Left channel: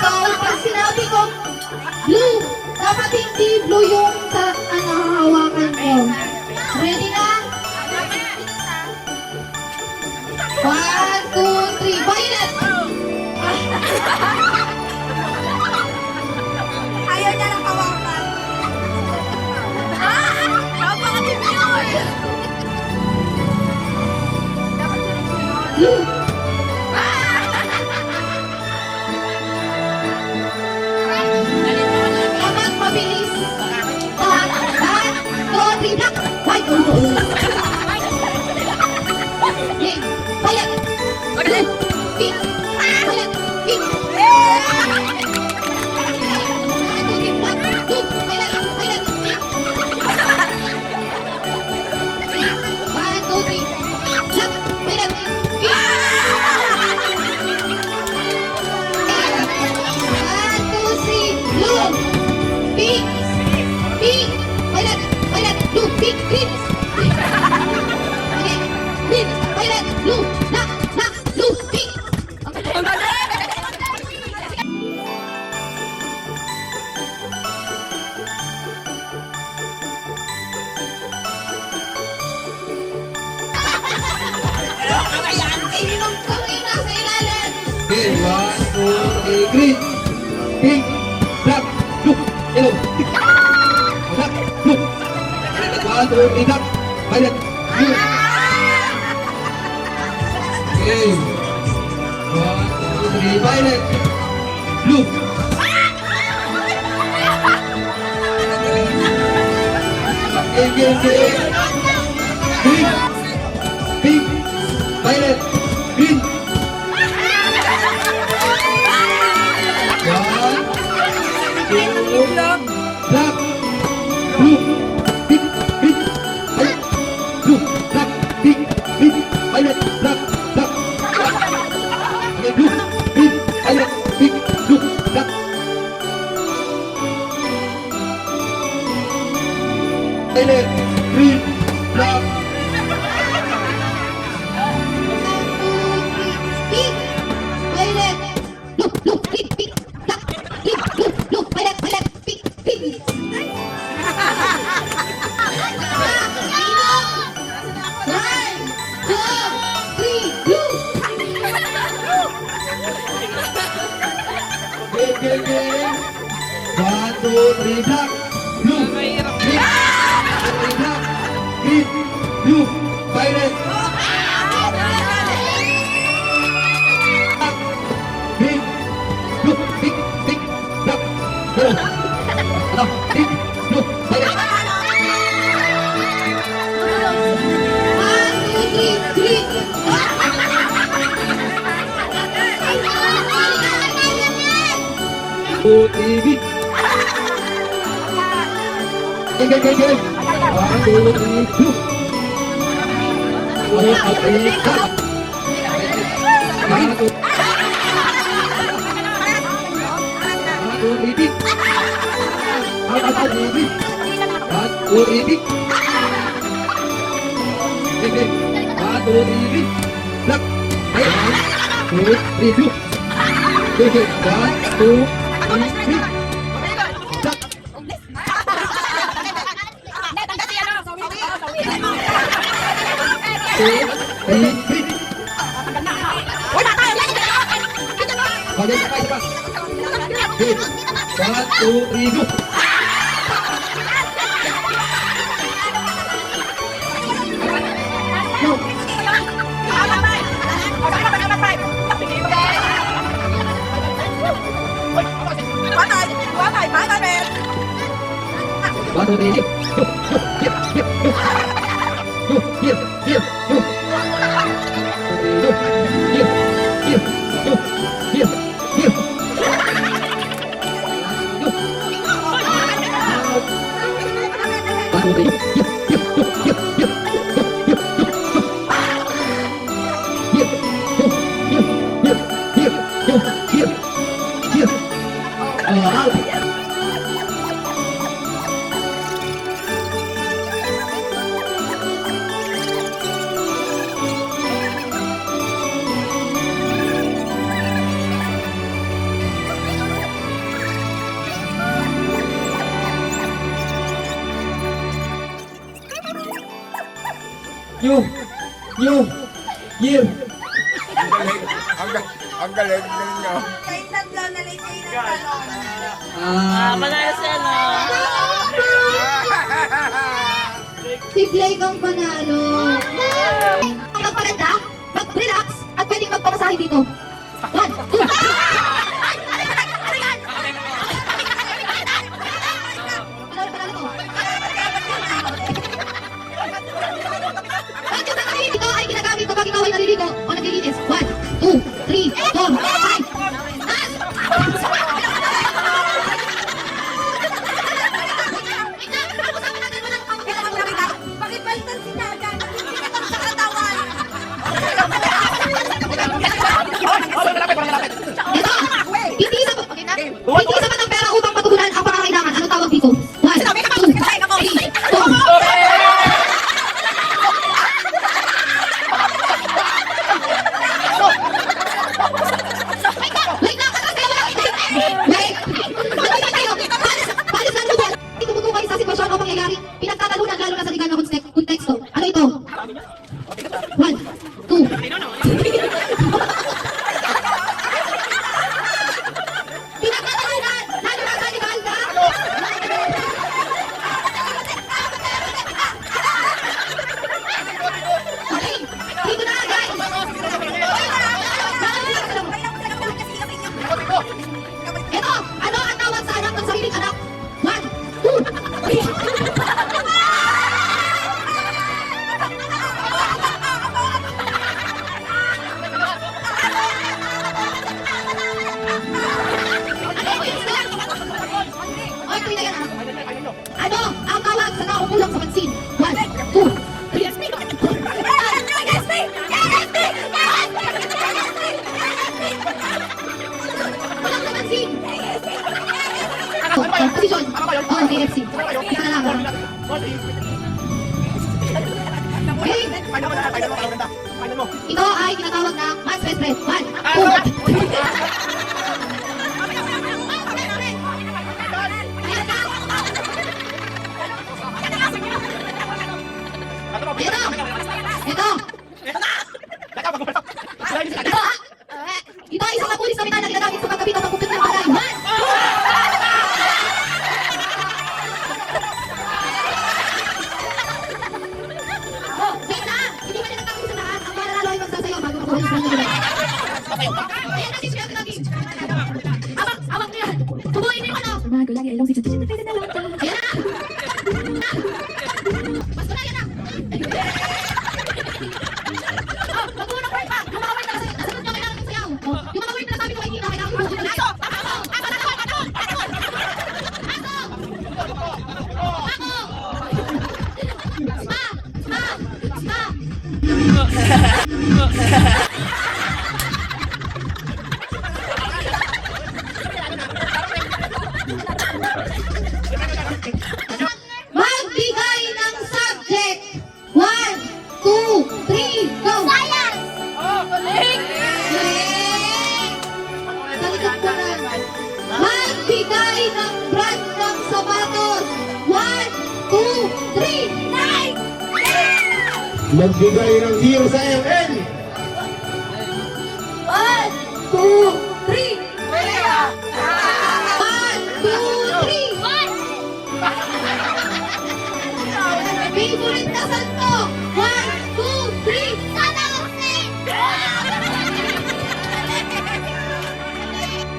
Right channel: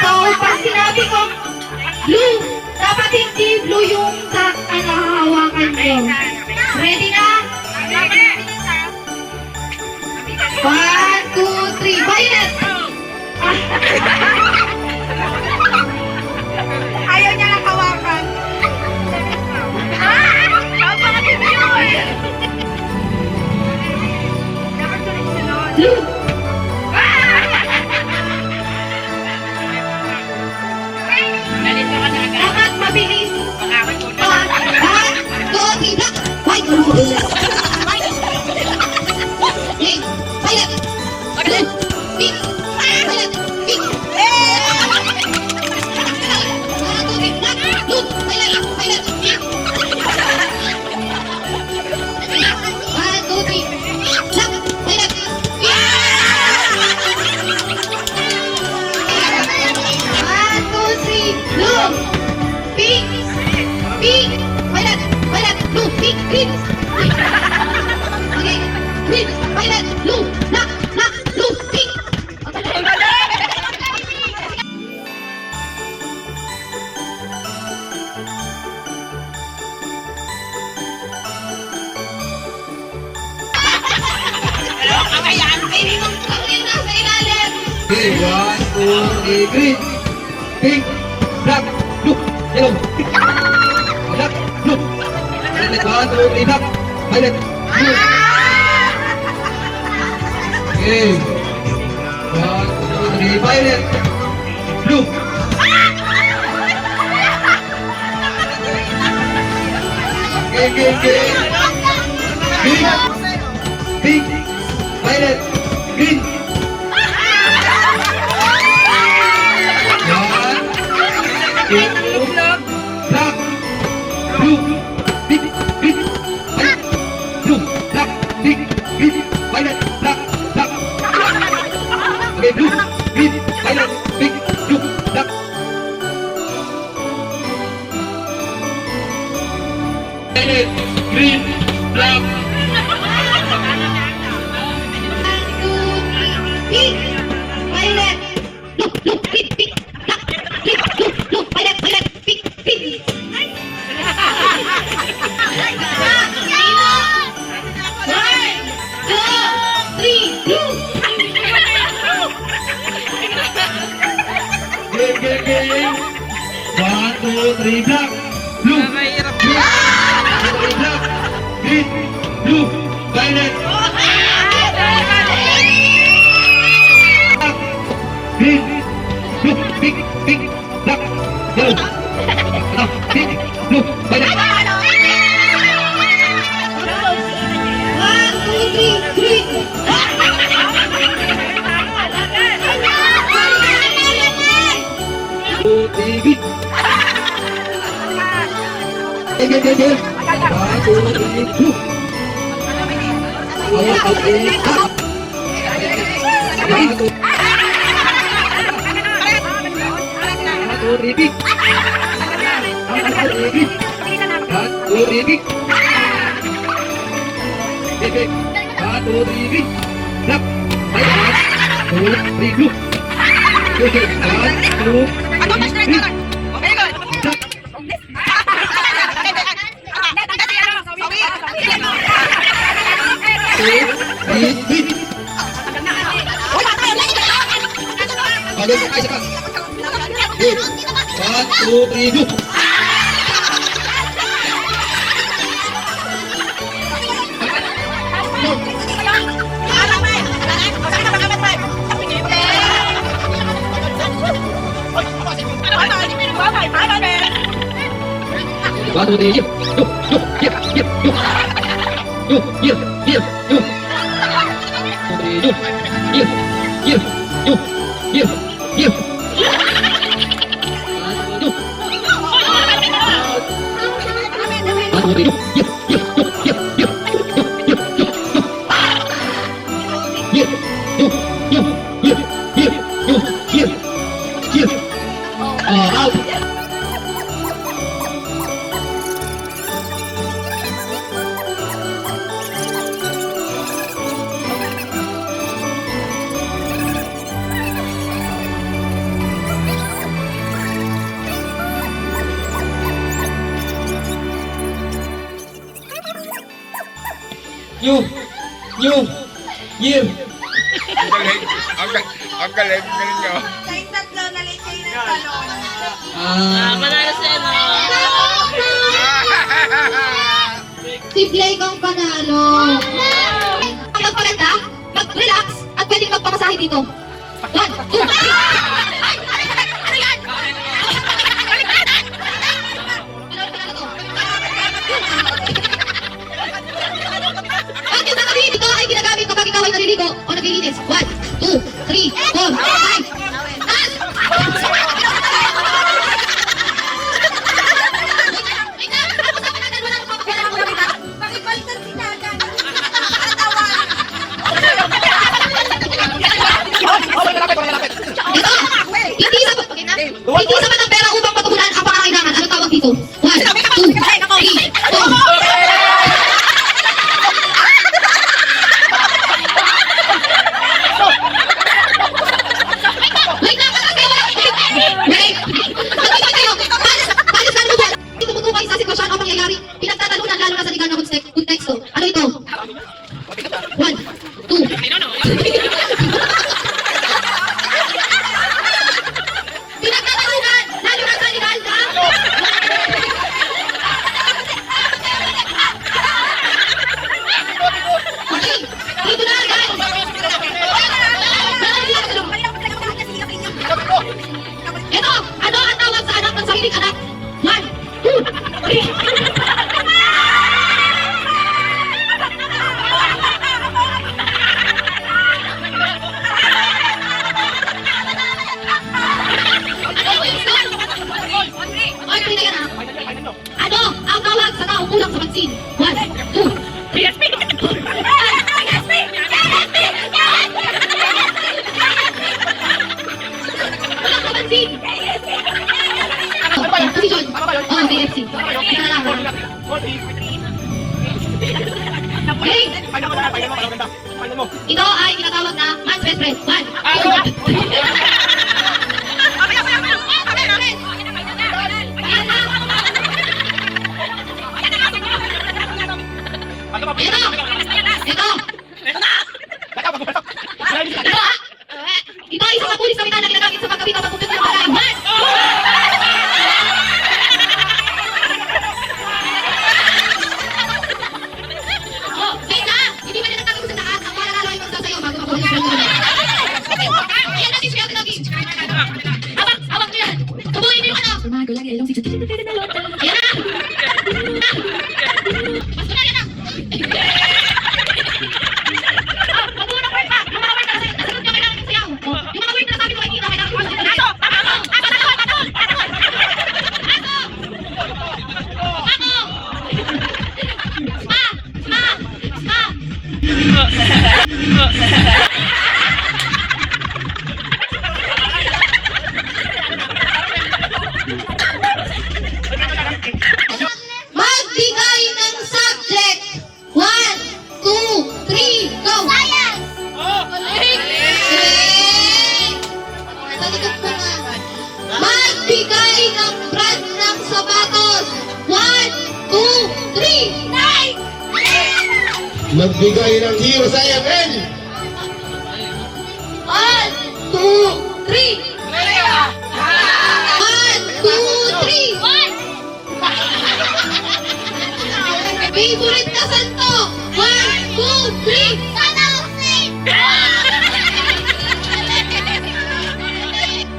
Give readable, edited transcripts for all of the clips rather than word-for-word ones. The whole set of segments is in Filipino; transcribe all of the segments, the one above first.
So, pag sinabi ko, blue, dapat hindi blue yung sa hawakan ko. Ready na? 1, 2, 3, violet! Ayaw niya lang hawakan. Blue! Dapat mabilis. 1, 2, 3, black! White! Pink! Violet! Blue! Pink! Violet! Pink! Blue! Violet! Violet! Pink! 1, 2, 3, black! Violet! Pink! 1, 2, 3, blue! Pink! Pink! Violet! Violet! Blue! Pink! Green! Okay. Green! Violet! Blue! Black! Black! Blue! Pink! Nasa ilalim! Okay, 1, 2, 3, green, pink, black, blue, yellow, black, blue. Violet, 1, 2, 3, black, violet, blue. Okay, 1, 2, 3, violet, blue. Okay. Pink, pink, violet, green. Black, blue, pink, pink, violet, blue, black, pink, pink, violet, black, black. Okay, blue, pink, violet, pink, blue, black. Violet, green, black. Pink, violet, blue, blue, green, pink, black, green, blue, blue, violet, violet, pink, pink. One, two, three, blue. Game. 1, 2, 3, black, blue, Mahirap. green, 1, 2, 3, black, green, blue, violet, green, blue, pink, pink, black, yellow, pink, blue, violet. 1, 2, 3, green. 2, 3, green. Game. 1, 2, 3, blue. 1, 2, 3, black. 1, 2, 3, pink. 1, 2, 3, green. 1, 2, 3, pink. Game. 1, 2, 3, green. Black. 1, 2, 3, blue. Okay. 1, 2, 3, green. Black. Bagay ka tayo sa kang. Okay. 1, 2, 3, go. One, two, three, go. New Year. Ang galing. Ang galing nyo. Kayong tatlo na lechon ng talon. Si Blake ang panalo. Magpaganda, mag-relax, at pwedeng magpamasahe dito. 1, 2, 3. Ang kinakabit ito ay ginagamit kapag ikaw ay naliligo o naglilinis. 1, 2, 3, 4, 5. Taas! Pakipalitan si Dada. Nakakatawa. Ito! Hindi sapat ang pera upang patugunan ang pangangailangan. Ano tawag dito? 1, 2, 3, 4. Wait lang! Wait! Mag-isip kayo! Paano sa lubot? Hindi tumutukoy kayo sa sitwasyon o pangyayari. Pinagtatalunan lalo na sa legal na konteksto. Ano ito? 1, 2. Pinagtatalunan lalo na sa legal na... Okay, dito na guys! Ito, ano ang tawag sa anak ng sariling anak? 1, 2, 3. Ay, pwede ka na. Ano ang tawag sa tao kulang sa vaccine? 1, 2, PSP! Kulang sa vaccine! Position. Oh, PFC. Naalala. Okay. Ito ay tinatawag na man's best friend. 1, 2, 3. Ito! Ito ay isang pulis kami na ginagamit sa pagkabit ng pagkupit ng palay. 1! Oh, wait lang! Hindi ba nila nagkakagusto sa lahat? Ang mga nanalo ay magsasayaw bago makuha yung pangkabit. Ayan natin siya tinagi. Awak mo yan! Tubuhin niyo yung ano! Mga gulang yung ilong sisip. Ayan na! Mas na yan na! Magbigay ng subject. 1, 2, 3, go! Science! Sa likod ko na. Magbigay ng brand ng sapatos. 1, 2, 3, Nike! Magbigay ng year sa IML. 1, 2, 3. 1, 2, 3. Favorite na santo. 1, 2, 3.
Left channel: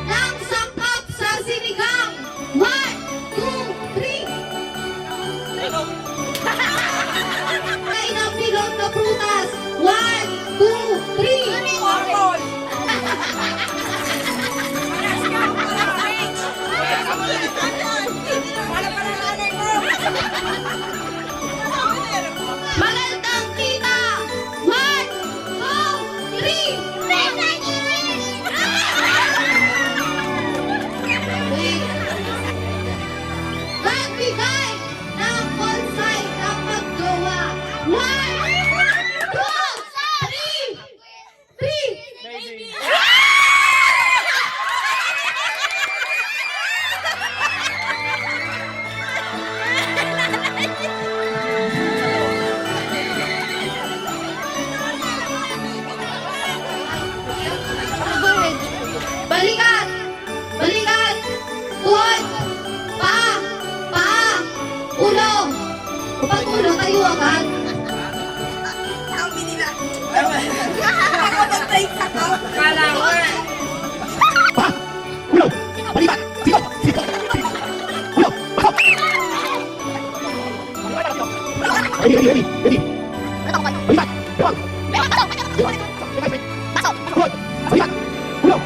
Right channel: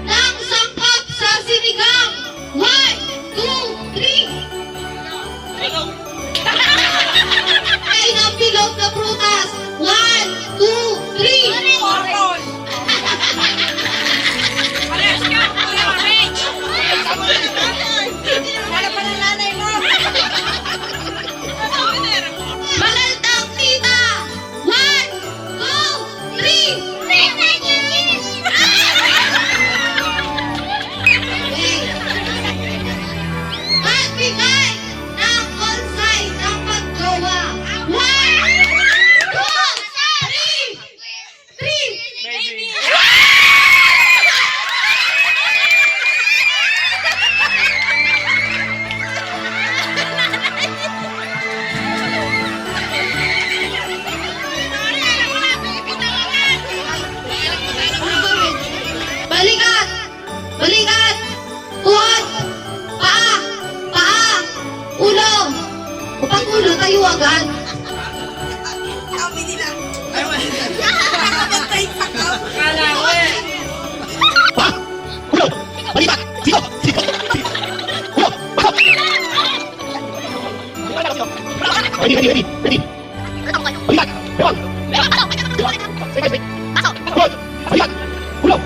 Nang sangkap sa sinigang. 1, 2, 3. Ay ng bilog na prutas. 1, 2, 3. Orange. Wala pa ng nanay mo. kayo agad. Sabi nila. Nakabantay ka ka. Kala ko eh. Ulo! Balikat! Siko! Siko! Ulo! Pasok! Ready, ready, ready! Ready! Balikat! Yawag! Pasok! Balikat! Ulo!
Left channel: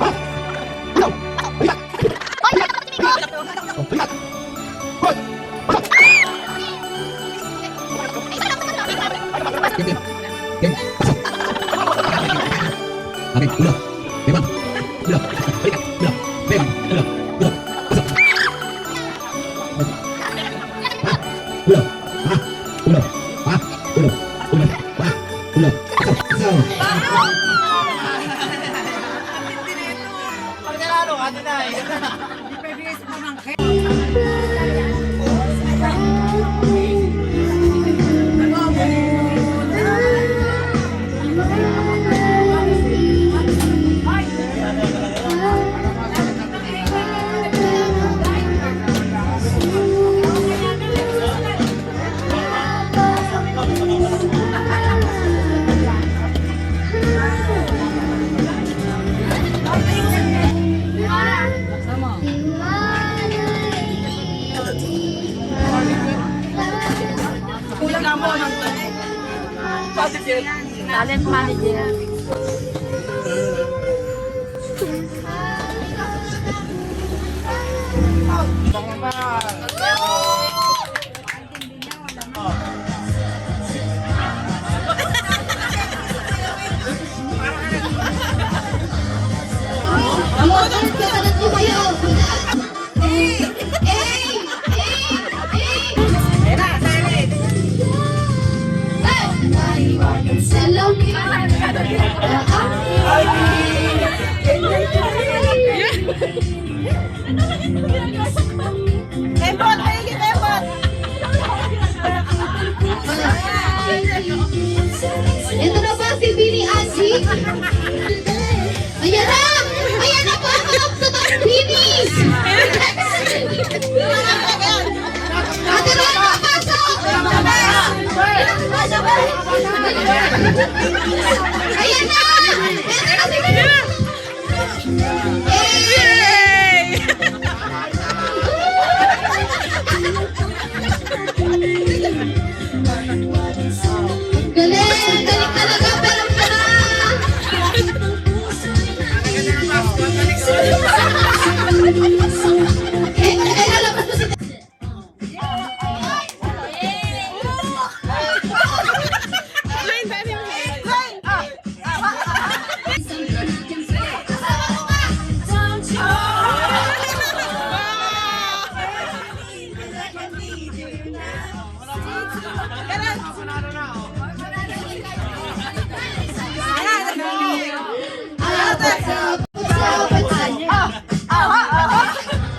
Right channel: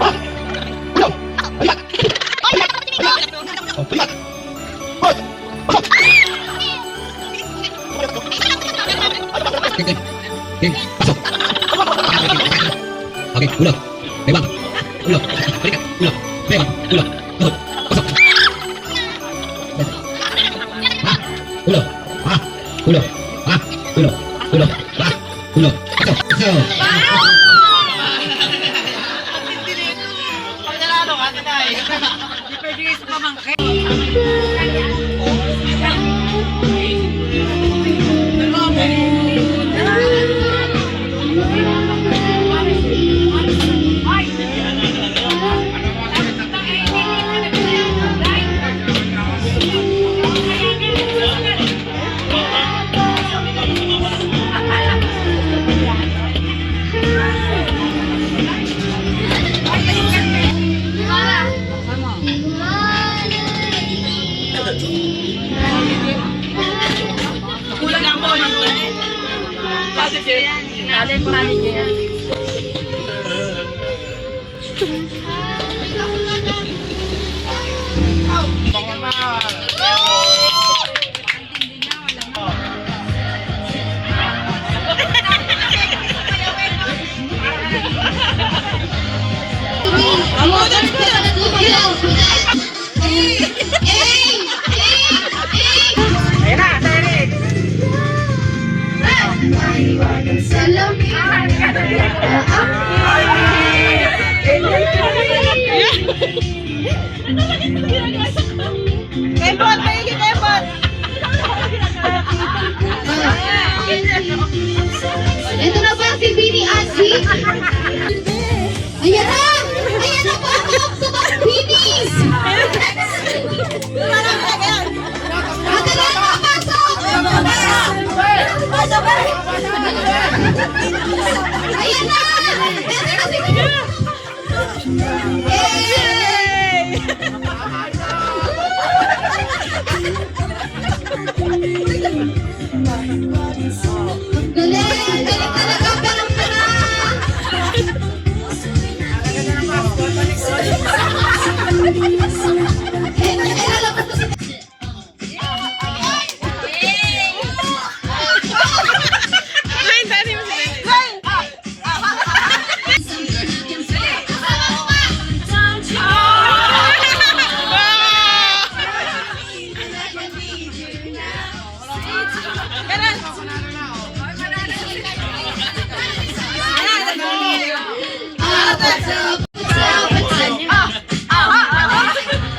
Pasok! Ulo! Balikat! Balikat! Balikat! Pasok! Game! Pasok! Okay, ulo! Bebang! Ulo! Balikat! Ulo! Bebang! Ulo! Pasok! Pasok! Ulo! Ulo! Ulo! Ulo! Ulo! Pasok! Pasok! Kulang ako ng talent manager. Water ka na tumayo. Ebon, maigit Ebon. Ito na ba si Bini Angie? Ayan na! Ayan na po ang mga Bini! Ate Ren, makapasok! Ayan na! Ayan na si Bini! Ang galing talaga, pero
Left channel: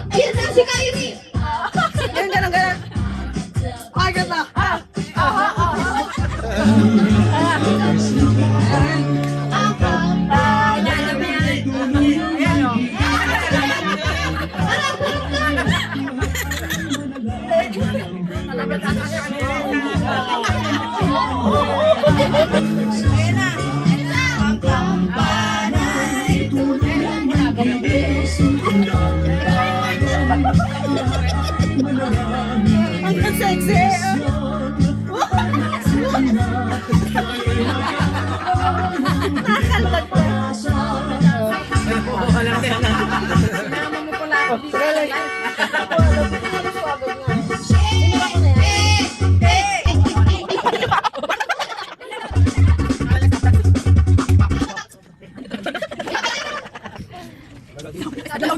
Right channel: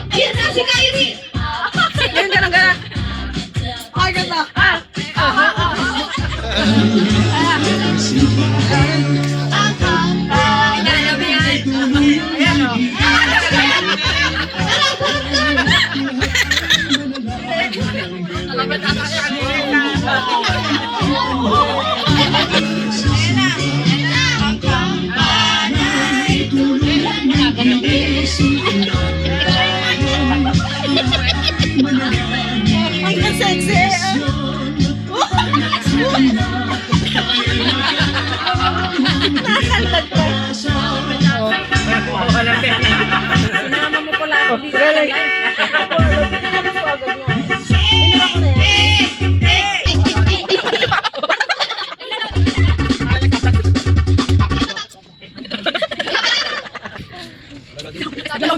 Ayan na si Kyrie!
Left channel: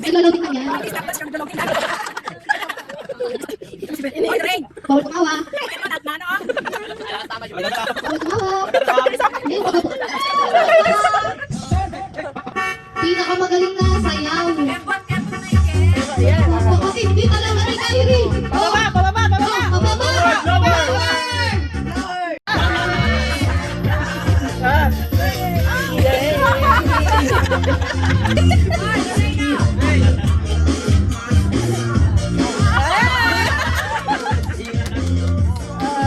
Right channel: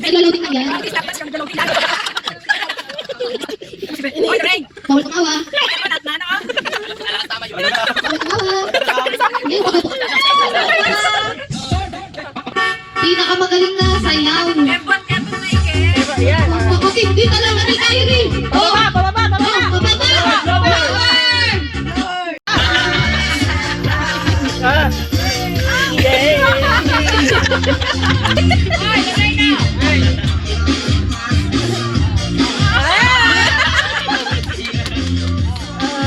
Ilaloading na yan. Bawal tumawa. Bawal tumawa. Pinakamagaling na sayaw. Ebon, maigit. Okay, hindi talaga ni Kyrie. Oh, pababa.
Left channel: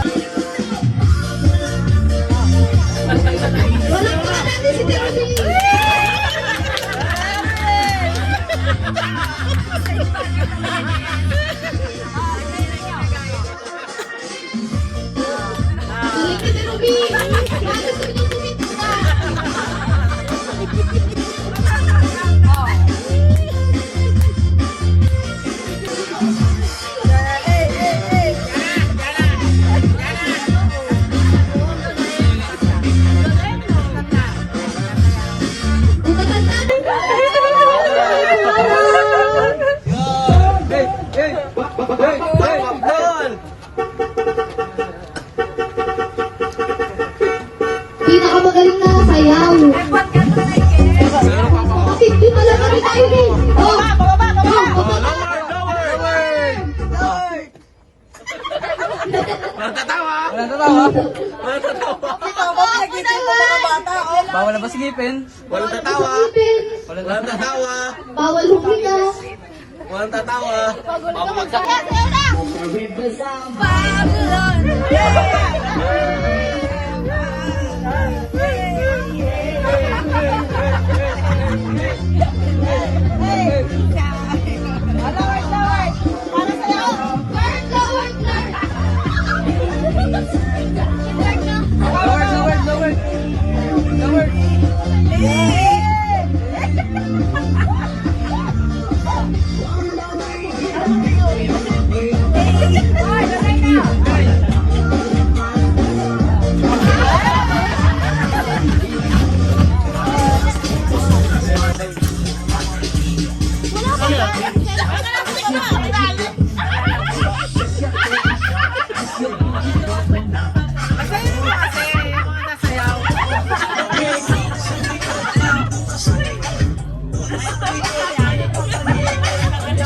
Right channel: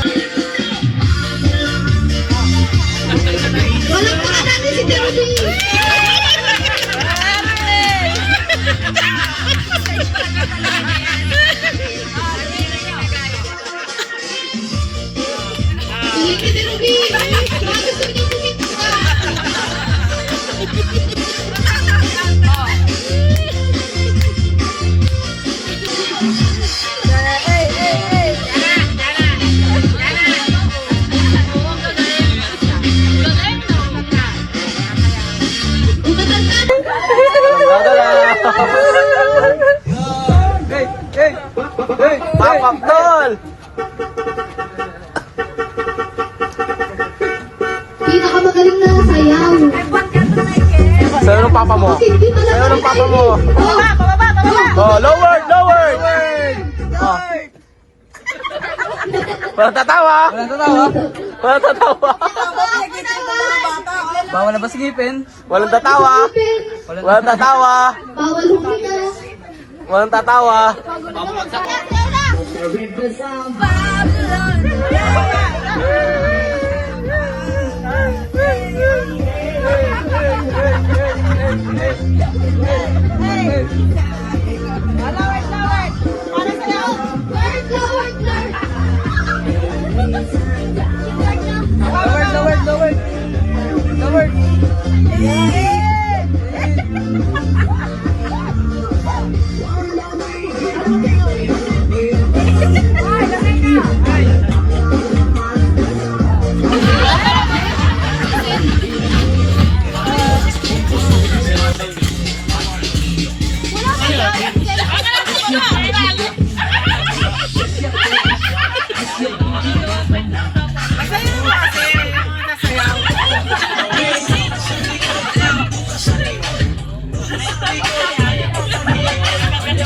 Power! Pawak tol! Pinakamagaling na sayaw. Sa'yo ng papa mo? Kasi hindi pala Sa'yo ng papa mo? Oh, lower, lower! Oh. Walang tatawa! Walang tatawa! Bawal na ba sigipin? Walang tatawa! Walang tatawa! Bawal humika. Walang tatawa!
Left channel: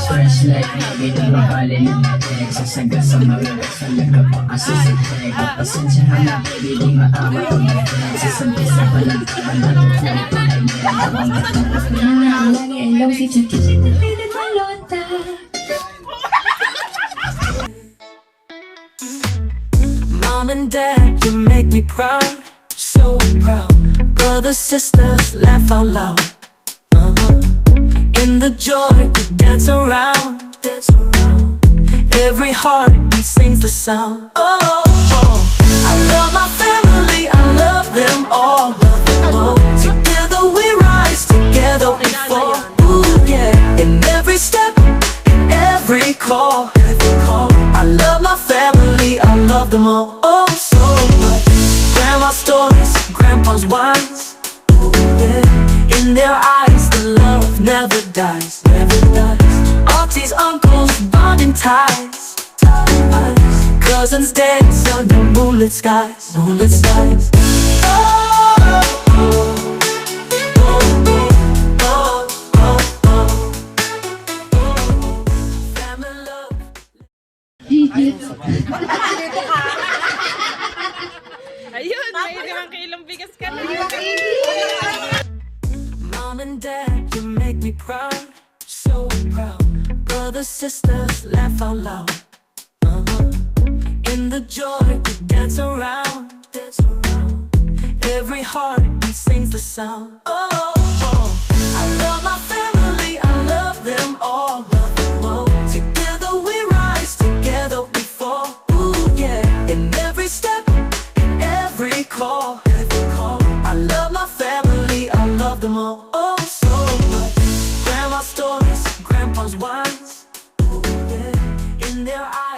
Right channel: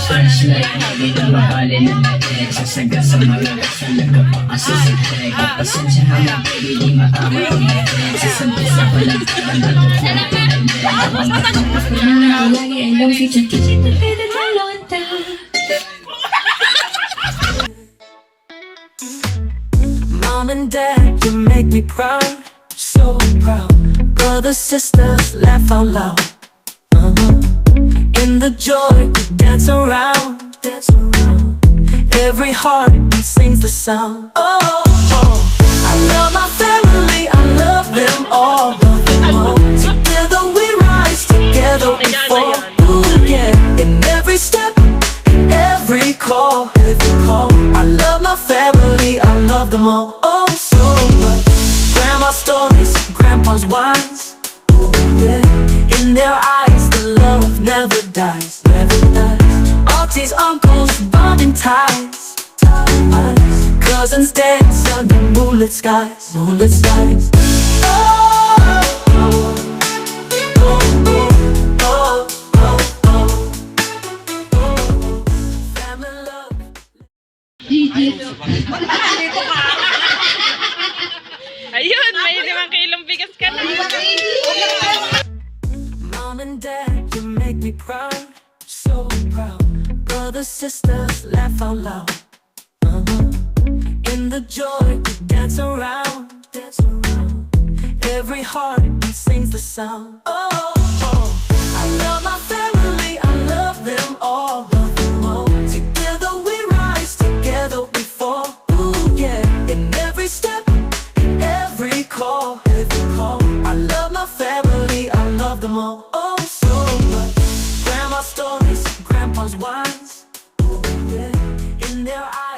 Flashlight, binabahali ng natin Sasaga sa mga salaga pa kasi sa tega Pasensya na lang, hindi matawa ang natin Sasampisa pa lang, bandang lagi ang long feature Mom and Dad, you make me proud, so proud. Brothers, sisters, laugh out loud. In the joy, we dance around, dance around. Every heartbeat sings the sound. Oh, oh. I love my family, I love them all, love them all. Together we rise, together we fall. Ooh, yeah. In every step, in every call, I love my family, I love them all. Oh, so much. Grandma's stories, grandpa's wines. Ooh, yeah. In their eyes, the love never dies, never dies. Aunties, uncles, bonding ties, ties. Cousins dance under moonlit skies, moonlit skies. Oh, oh, oh, oh, oh, oh, oh. Family love. Ayun, may 5 kilong bigas ka na. Mom and Dad, you make me proud, so proud. Brothers, sisters, laugh out loud. In the joy, we dance around, dance around. Every heartbeat sings the sound. Oh, oh. I love my family, I love them all, love them all. Together we rise, together we fall. Ooh, yeah. In every step, in every call, I love my family, I love them all. Oh, so much. Grandma's stories, grandpa's wines. Ooh, yeah. In their eyes.